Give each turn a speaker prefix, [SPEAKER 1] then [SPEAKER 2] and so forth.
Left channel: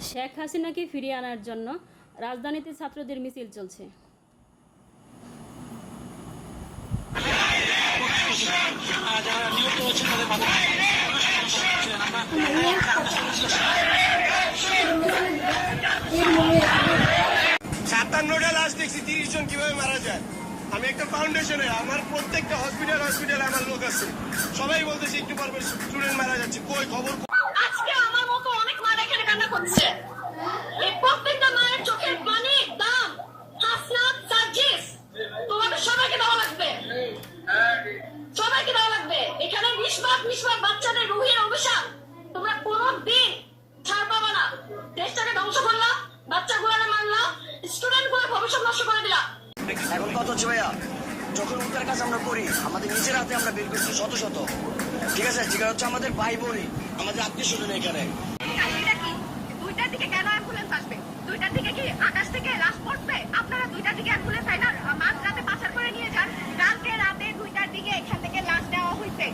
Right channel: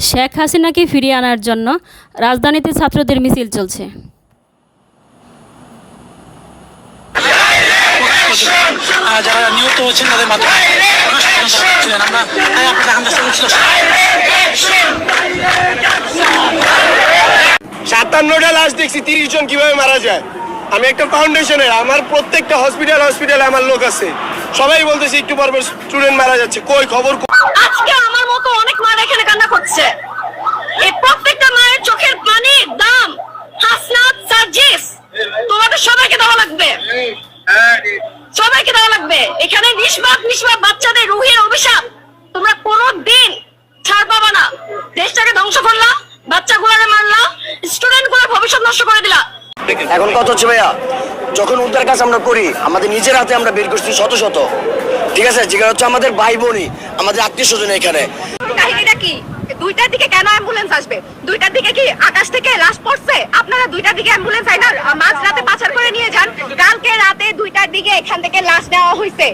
[SPEAKER 1] শেখ হাসিনাকে ফিরিয়ে আনার জন্য রাজধানীতে ছাত্রদের মিছিল চলছে
[SPEAKER 2] যারা নিহত হয়েছেন তাদের মাধ্যমে আমরা।
[SPEAKER 3] সাতান্নটা লাশ দেখছি তিরিশ জন কীভাবে মারা যায় আমি একটা ফাউন্ডেশনের আমার প্রত্যেকটা হসপিটাল হসপিটালে আমার লোক আছে সবাই বলতেছে একটু পর স্টুডেন্ট মারা যাচ্ছে কই খবর
[SPEAKER 4] আজকে আমার মতো সবাইকে দেওয়া লাগবে। এখানে নিষ্পাপ নিষ্পাপ বাচ্চাদের রুহের অভিশাপ। তোমরা কোনো দিন ছাড় পাবা না। দেশটাকে ধ্বংস করলা বাচ্চাগুলোকে মারলা স্টুডেন্টগুলোর ভবিষ্যৎ নষ্ট করে দিলা
[SPEAKER 5] এখন কত হচ্ছে ভাইয়া যখন উদ্ধার কাজ আমরা করি আমাদের নিজের হাতে আমরা বের করছি শত শত। ঠিক আছে? যেটা হচ্ছে আমাদের ভাই বোনই আমাদের আত্মীয় স্বজন এখানে।
[SPEAKER 4] কাহিনীটা কি? দুইটার দিকে কেন অ্যাম্বুলেন্স আসবে? দুইটার দিকে কি আকাশ থেকে লাশ পড়ছে? আপনারা দুইটার দিকে অ্যাম্বুলেন্স আইনা মাঝ রাতে পাচার করে নিয়ে যান। দিকে এখান থেকে লাশ নেওয়া হয়েছে